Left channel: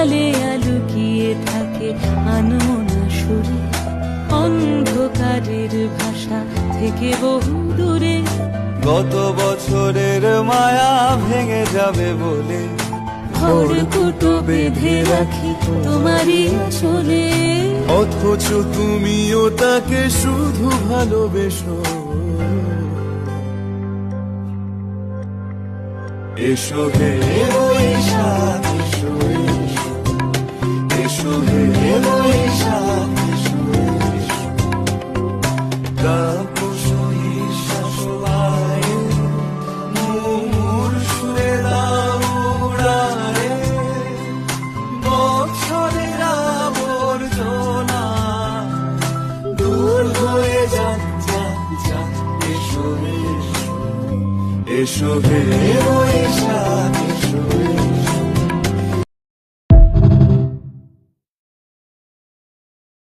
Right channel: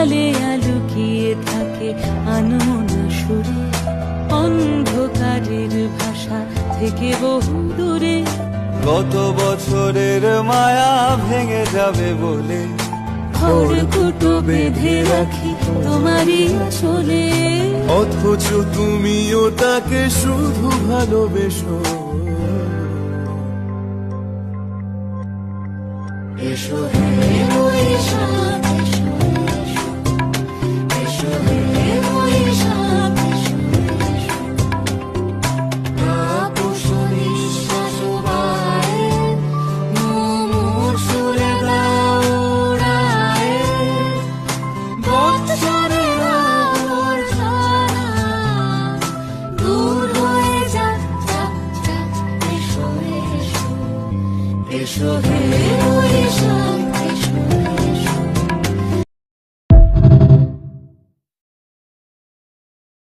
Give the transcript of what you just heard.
আড়ালে লুকিয়ে থাকে আনমনা সুরে, অন্ধকারের ভাষা থেকে বহু দূরে। গত বছরের মায়া ভেঙে যাবে বলে খড়কুটো বেঁধে রাখি তোমারই চলে, অথচ তুমিও তাকে শুধু ভালোবেসো। এসো হে বৈশাখ, এসো এসো, এসো হে বৈশাখ, এসো এসো। তাপস নিঃশ্বাস বায়ে, মুমুর সুরে দাও উড়ায়ে, বৎসরের আবর্জনা দূর হয়ে যাক যাক যাক। এসো এসো, এসো হে বৈশাখ।